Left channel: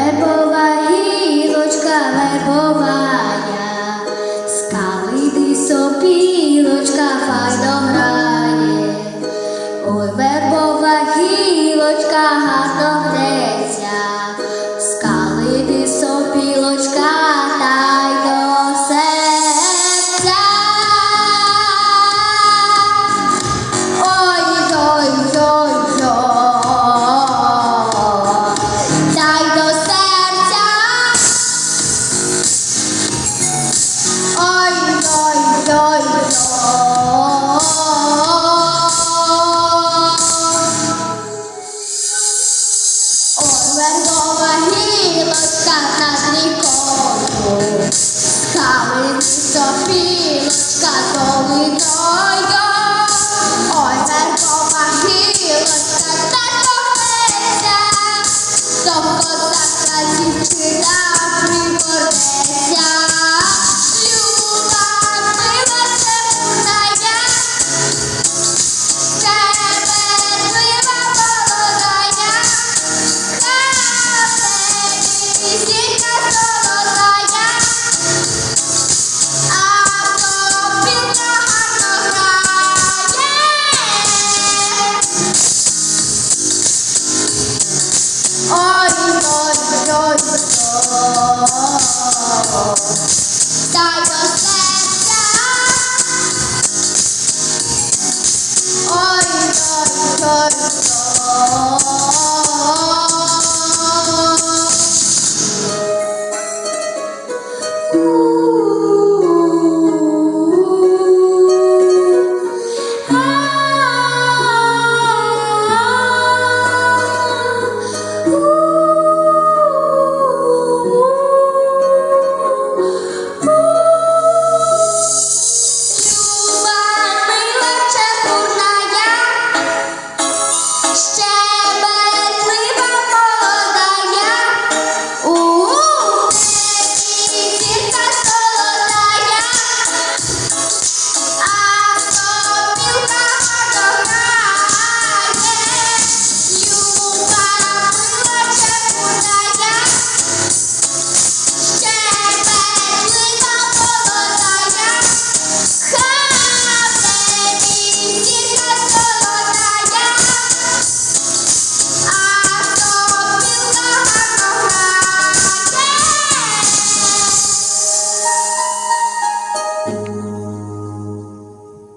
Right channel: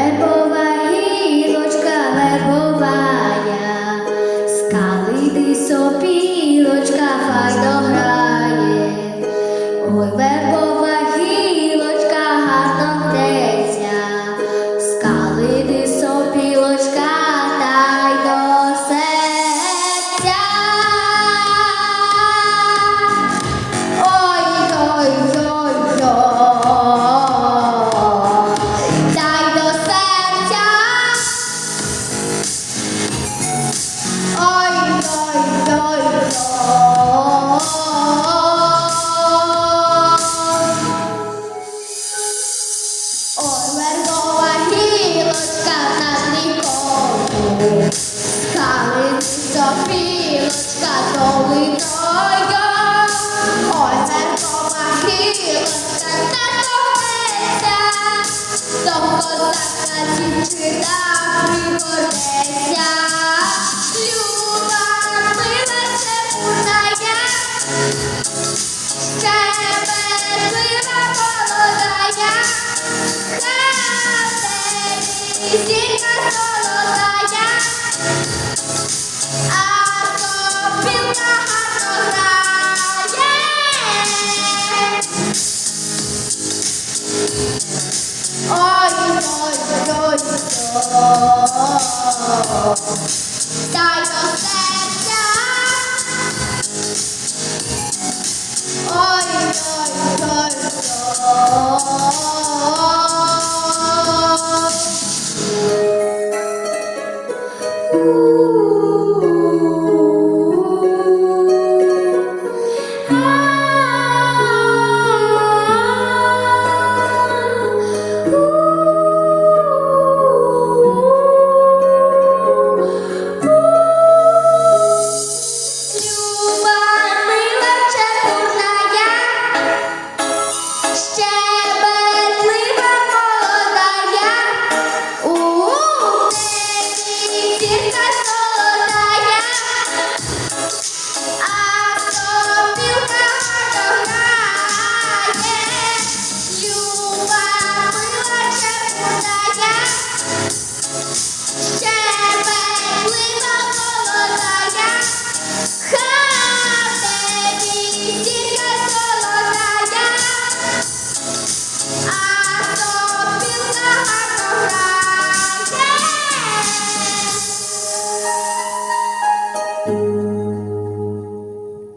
вербова гілочка, вербовая, скалити сопілочка, хай дограє. Nas ricordo, cale-se sua. Ой, ой, ой, ой, ой,